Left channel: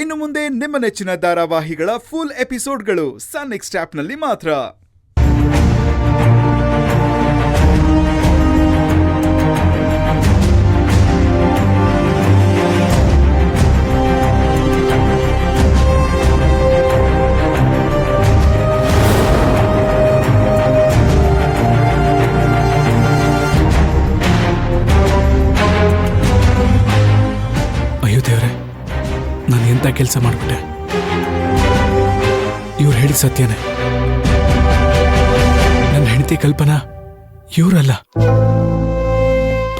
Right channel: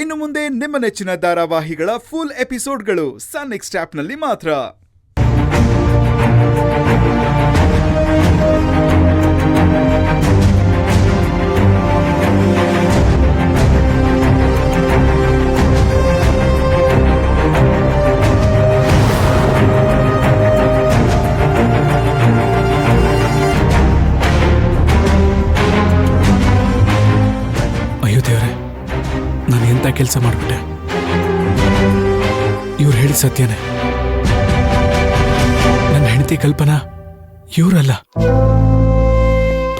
ಇನ್ನು ಮುಂದೆ ನಿಮ್ಮ ನೆಚ್ಚಿನ ಧಾರಾವಾಹಿಗಳ ಫುಲ್ ಎಪಿಸೋಡ್ಗಳು ಸನ್ ನೆಕ್ಸ್ಟ್ ಆಪ್ನಲ್ಲಿ ಮಾತ್ರ. ಅಯ್ಯೋ ದೇವ್ರೆ, ನಾನು ಎಂಥ ಕೆಲಸ ಮಾಡಿಬಿಟ್ಟೆ. ಇವ್ರು ಹೇಳಿದ ಸತ್ಯನೇ. ನನ್ನ ಹೆಂಡತಿ ಕಲ್ಪನಾ ಇವರಲ್ಲ.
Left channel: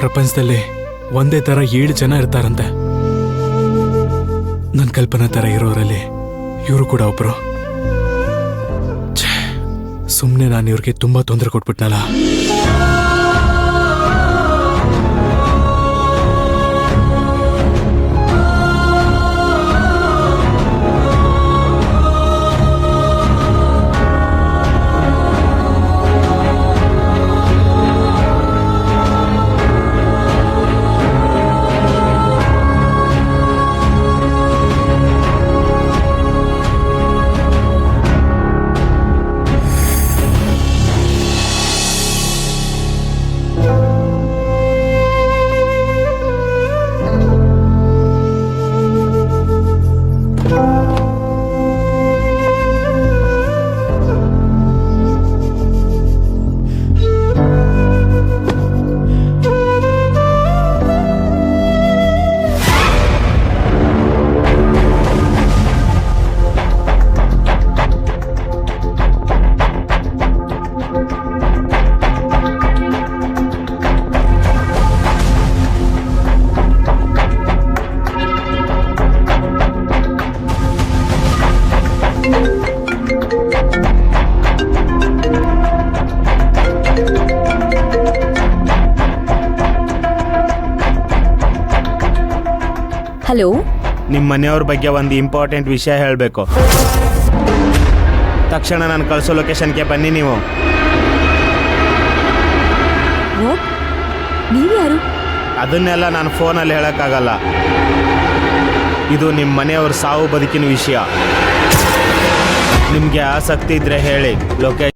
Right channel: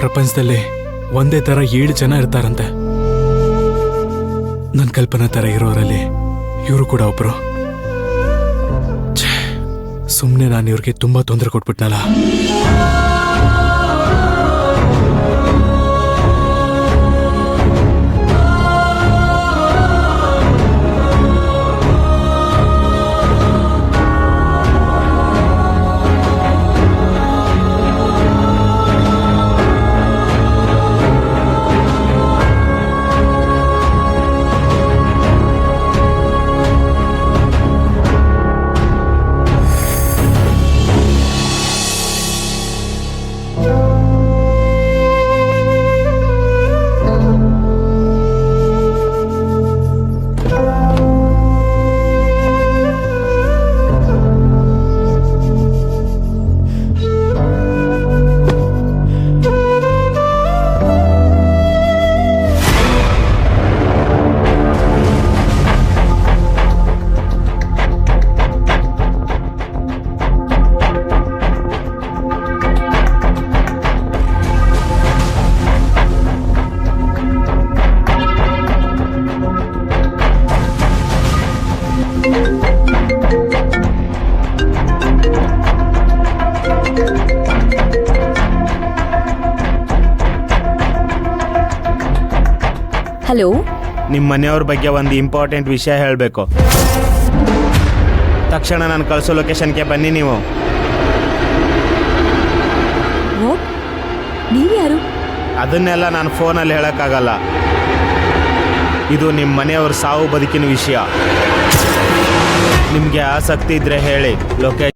ಪ್ರಪಂಚದಲ್ಲಿ ಒಂದೇ ಥರ 7 ಜನ ಇರ್ತಾರಂತೆ. ನನ್ನ ಕಲ್ಪನಾ ಥರ ಇರೋರಲ್ಲಿ ಇವರು ಕೂಡ ಒಬ್ರು. ಸುಮ್ಮನೆ ನಾನು ಇವ್ರಿಗೆ ತುಂಬ ತೊಂದರೆ ಕೊಟ್ಬಿಟ್ನಲ್ಲ. ಹಲೋ, ನಿಮ್ಮ ಮನೆಯವ್ರ ಬಗ್ಗೆ ಒಂದು ಇಂಪಾರ್ಟೆಂಟ್ ವಿಷಯ ಹೇಳಬೇಕು. ತಕ್ಷಣ ನಾನು ಕಳಿಸೋ ಲೊಕೇಶನ್ಗೆ ಬನ್ನಿ. ನೀವು ವಾಟ್? ನೀವ್ಯಾರು? ಅದನ್ನೆಲ್ಲ ನಾನು ಫೋನಲ್ಲಿ ಹೇಳೋಕ್ಕಾಗಲ್ಲ. ಇದು ನಿಮ್ಮ ಮನೆಯವ್ರ ಸಾವು ಬದುಕಿನ ವಿಷಯ. ನಿಮಗೆ ಆಸಕ್ತಿ ಇದ್ದರೆ ಹೇಳಿ. ಲೊಕೇಶನ್